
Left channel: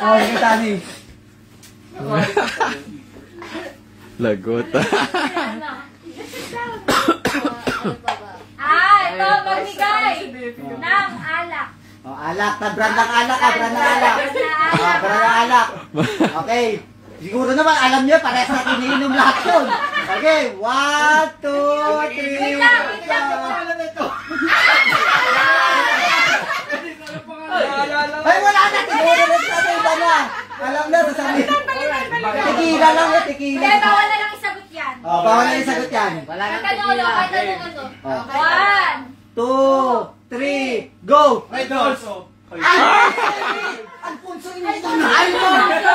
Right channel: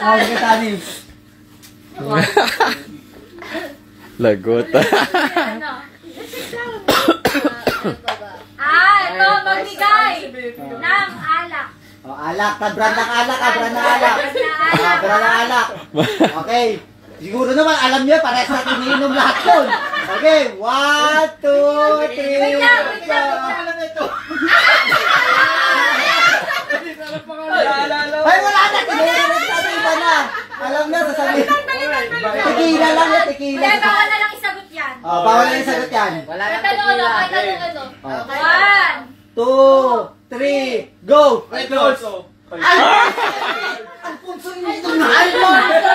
Oh, sige, Tani. Lagot. Ito, magbigay ng alak. O, alak. Brand ng alak. Brand ng alak. Brand ng alak. Okay. Siguro naman, alam niyo, parehas na iniinom lahat yun. Okay, 1, 2, 3, Wait lang. Ay, wala na. Siguro rin sa iba na. Alam na, sasabihin. Tequila lang yan, tequila. Hindi, bawal na lang isagot yan. O, bawal na yung sagot yan. Wala nang Kahit ano, kahit ano. 2, 3, go! Red also. Alfonso, hindi ito na. Alfonso!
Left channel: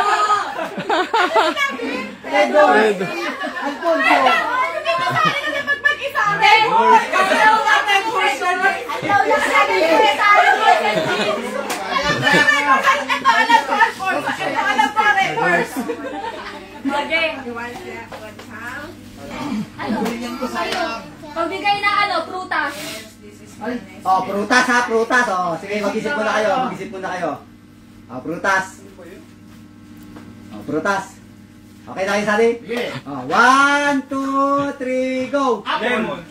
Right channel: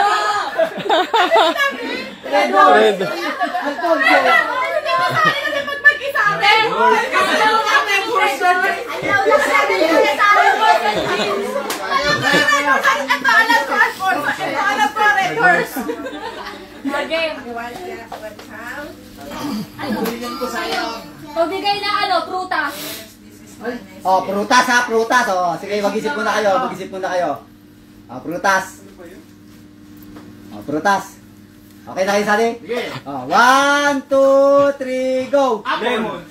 Red. Alfonso! Pagbigay na ano, prutas. Oh, prutas ha, prutas. Oh, sige, mag-isip muna kayo, mag-isip muna kayo. Oh, prutas. Oh, prutas. Okay na kayo, Sadi? Oh, 1, 2, 3, go! Lemon.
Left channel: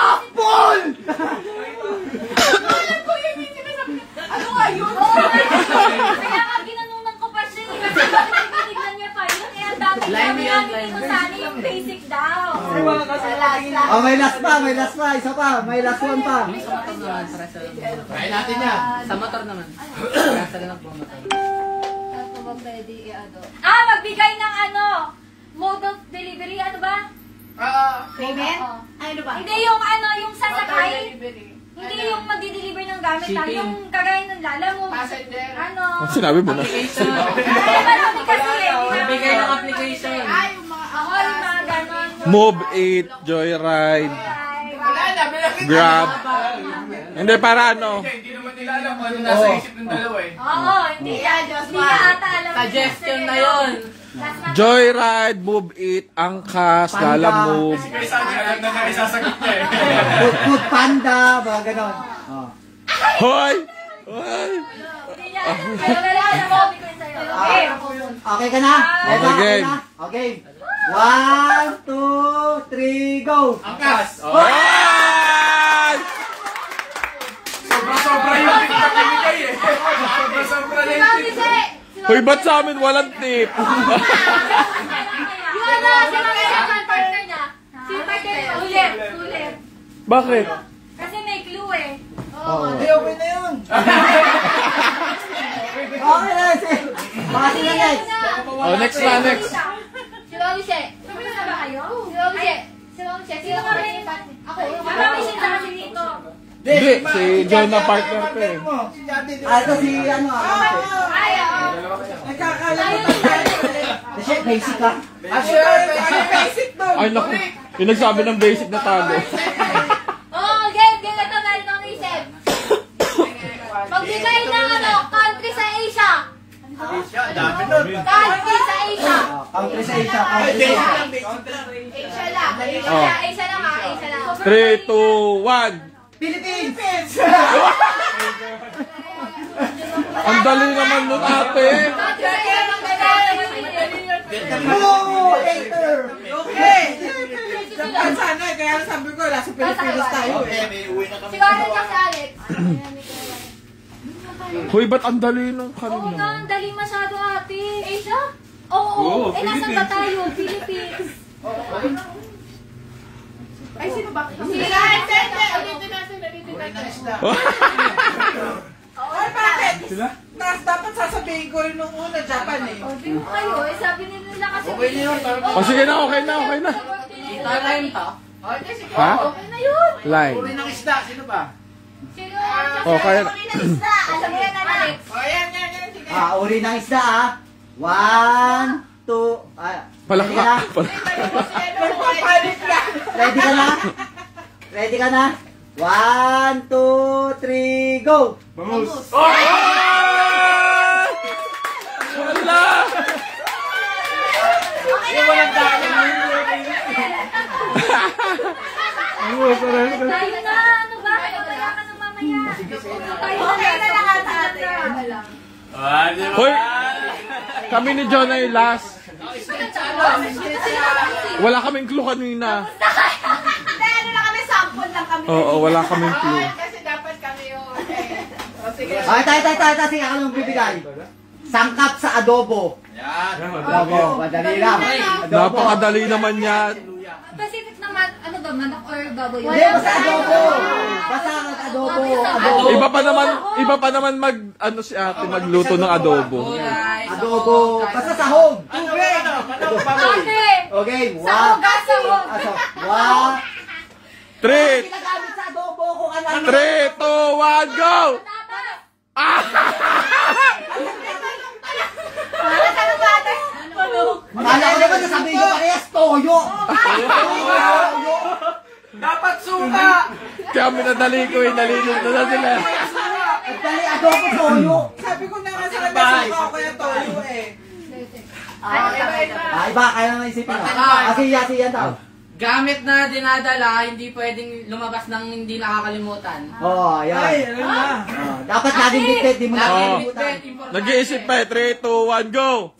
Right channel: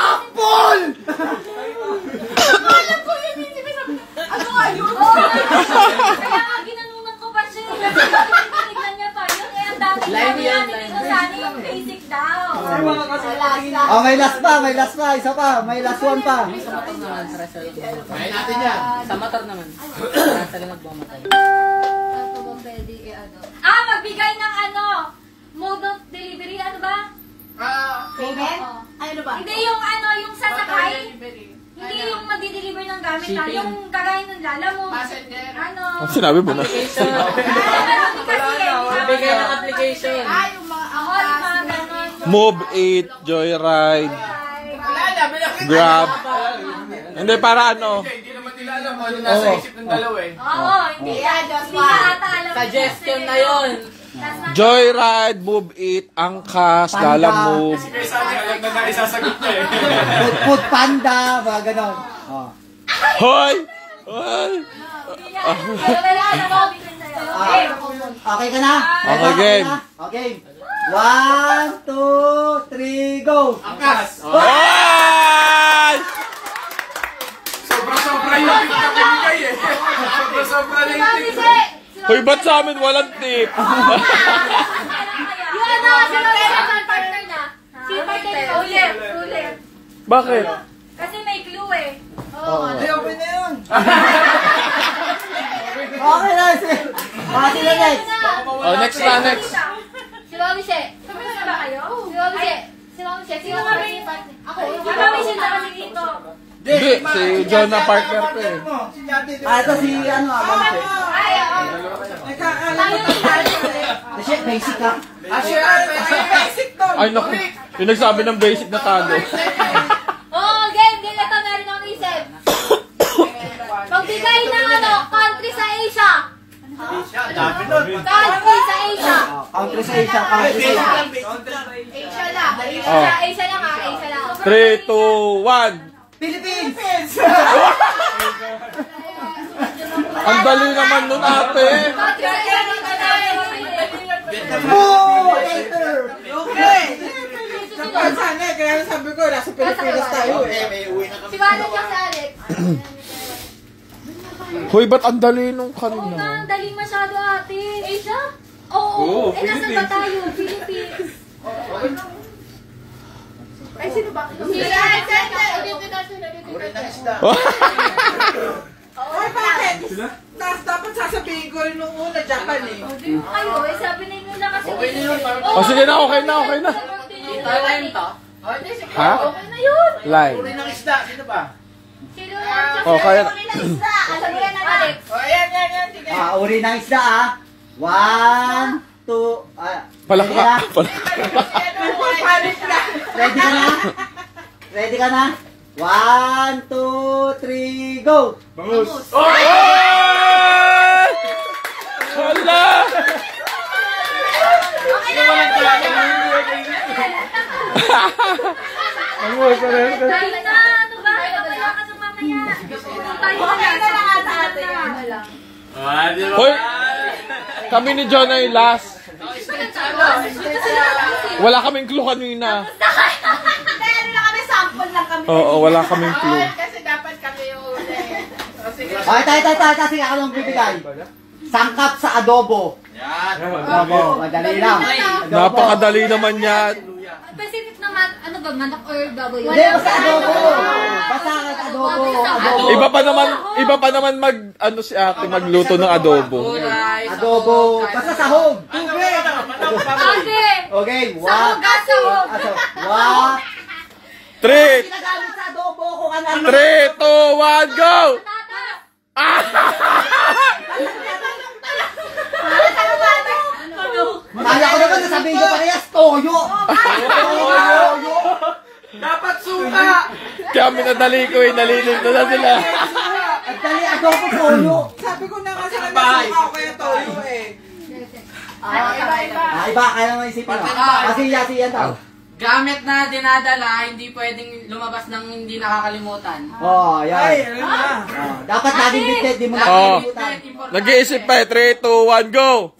Apple! Ano nga yun? Kaya nga ginanunan ko pa siya. Tignan niya pa yun. Eh, ang dami Lime namin yan, yan. lime. Ito sana yung basic daw. Oh, may last pa, isa pa, may last one pa. Kain natin yan. Sa motor naman. Kaya sila nagmamatay. Magbigay ng ano, mode of delivery, ano ba? Payment? Oo. Ano ba? Hindi yung ano, yung sasakay. Hindi yung mag-deliver ng gamit lang. Shipping. Yung kagaya ng lala mo. Passenger. Ano? Ang sinabi mo na. Application. Marami kasi eh. Magbigay ng application. Ay, yung mga Ako, yung mga ganon. Move it, Joyride, Wala na, bilangin. Grab. Hindi, para ano? Hindi naman nila alam kung ano nasa isip ng dalawa eh. Oo, hindi na ata alam. Suggestion na yun. Joyride, Move it, Angkas, Lala Move. Kaya sabi alam na nga isasagot niya eh. Food panda, mga ganon. Oh. Hoy! Hoy! Okay ka na? Okay, game. Okay. 1, 2, 3, go! Angkas. Hoy! Sobra yung tip na pinigay eh. Sobra na yung tip. Hoy, ba't sa amin walang tip? Yung ano, si Mami Shepherd, partner na. Si partner, ulit. Bakit? Kasi may clue eh. Oo. Okay na yun. Okay na. Okay na guys. Oh, next na, next. Si Mami She. Sabi na ba kayo? Si Mami She. Si Mami She. Sino Mami? Ako. Si Mami She sa si Nico. Hindi, si John na partner ko eh. Ito si ano, Ay, oo. Kasi basic ka. Basic daw. Ay, naku. Yung nagsabi ng basic na tago. Oh, game. Ito meron akong isip. Magbigay ng ano, country sa Asia. Dami nun. Country sa Asia. Country sa Asia, country sa Asia. Asia lang. Oh. Asia lang ha, Asia lang. 3, 2, 1. Philippines! Ang dali naman nun, ate. Country sa Asia. Woo! Later! Okay. Kaya sana, kaya sabi ko, nasa Pilipinas tayo eh. May uwi na kami. Si Warren at si Alex. Hoy, ba't ang dali nung Oo nga, kanina? ang dali masyado ate. Asia? Oo, eh nasa ba tayo? Philippines. Ay, sino ba? Si Alex. Dito natin. Uri ng isda. Ay, bakit? Dapat sasabihin ko rin nung una, Japan eh. Di mo kayo, eh sabi nila kasi. Okay na yun. O sige na, okay na, okay na. Thailand to? Ha? Okay na yun. Line. Uri ng isda. Sino ba? Sino? O, kaya na. Alam mo yan, Alex. O, yan. Sige. Uri ng isda ah. 1, 2, Palaka. Nagpapalit na. Ready ka na? Ready ka na? 1, 2, 3, go! Bangus. Wala! Tayo na, ano ba? Mamaya ka na mamaya. Okay na lang ate. Hoy, kami ni John ay last. Wala kaming clue kanina. Ano lang kami, sample lang kami. Oo, wala kaming clue. Kasi dapat kami yung sige. Okay, tayo. Sige, ako nang bibigay. Sangkap sa adobo. Yan. Oo, madali lang. Napakadali naman yan. Specific naman, ano ba, manok or baboy? Hindi, sa adobo. Basta sa adobo. Iba pa naman mag ano si ate magluto ng adobo. Adobo. Basta sahog. Tubig. Ate! Okay, Sahog ka, sahog! One. 3, Ginagamit sa adobo kung ano. 3, 2, 1, go! Kala ko naman sasabihin ko parehas, toyo. Dapat suka. Kaya minadali ko eh, nalilito na sila. At dali adobo, toyo. Sabi ko na nga sa kanya, suka o kaya toyo eh. Iba, kaya naman isipin na. Kasi yan tao. Gamit na dinadala, hindi pwedeng lumabas ng hindi nakakalimutan. Oo, Ay, yan. ano na. Dapat laging bitbit, di mo na Oo. kalimutan. Nag-iisip pa eh, 3, 2, 1, go!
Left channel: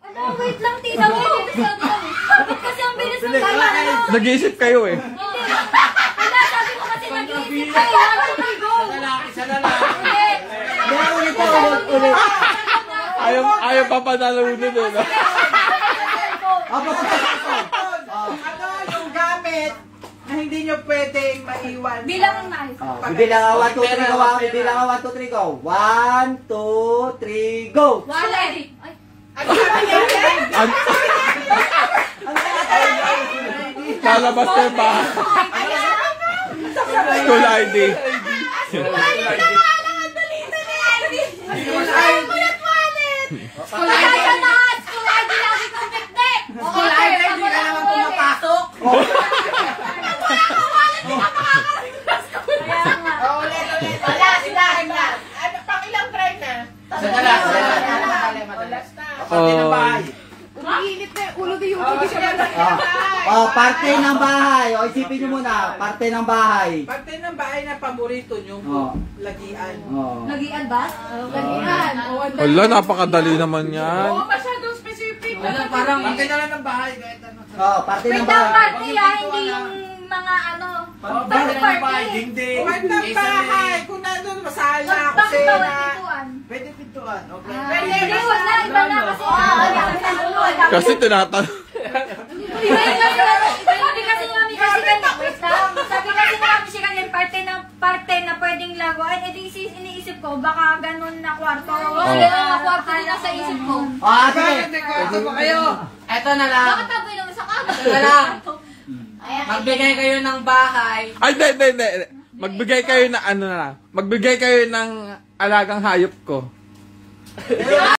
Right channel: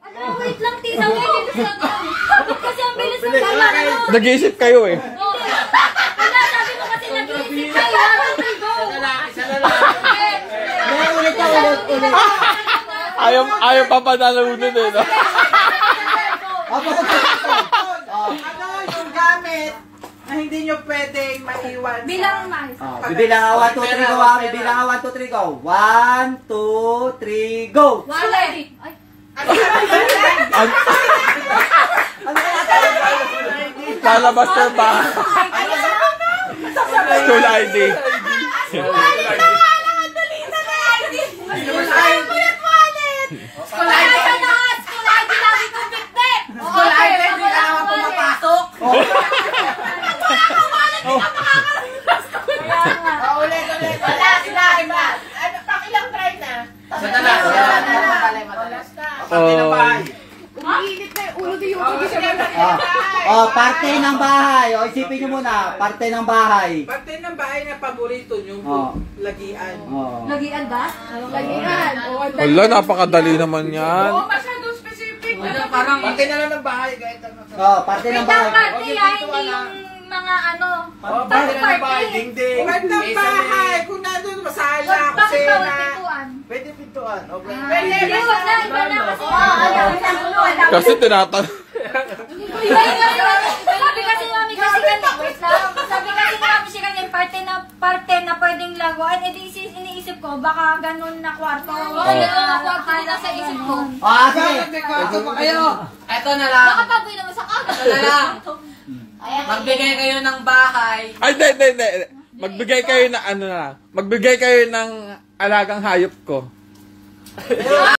Ano, wait lang, tita, wait. Bakit kasi ang bilis mo tama na naman? Nag-iisip kayo eh. Wala, sabi mo kasi nag-iisip kayo. Go! Isa na lang. Meron ulit ako, ulit. Ayaw papanalunin eh, no? Apo, Ano yung gamit na hindi nyo pwedeng maiwan? Bilang nice. bibilang ako, 1, 2, 3, go. Bibilang ako, 1, 2, 3, go. 1, 2, 3, go. Wala. Ay, Lalabas ka ba? School ID. School ID na! School ID lagi kong bitbit! School ID, hindi ka naman pumapasok. Ulit. Wala, sila. Ano, pakilang try na. Isa na lang. Last na. Oh. Umiinit na yung ulo ni Yuki. Hindi siya Parte ng bahay. O, isipin nyo muna, parte ng bahay. Parte ng bahay na paborito nyo, lagian. Lagian ba? Lagian. Wala, napakadali naman yan. Masyadong specific. Parang Parte na lang ng bahay. Kahit ano. Parte ng Wait lang, bahay. parte yan, hindi yung mga ano. Parte na ng bahay. Dingding. Part ng bahay. Kung nandun, masala, Bakit ba kusina. pintuan? Pwede pintuan. Okay. Hindi, wala, iba na kasi. Kasi tinatanong. Sabi kasi namin kasi kanina, wait lang. Sabi kasi namin siya kanina, parte na pwedeng laguan. Eh, iniisip ko, baka ganun na kwarto. Ganun na kwarto din sa isip ko. Sige. Kayo. eto na lang. Baka taboy naman sa kama. Eto na lang. Magbigay kayo ng bahay. Ay, hindi. Magbigay kayo na ano na. Magbigay kayo ng alagang hayop ko.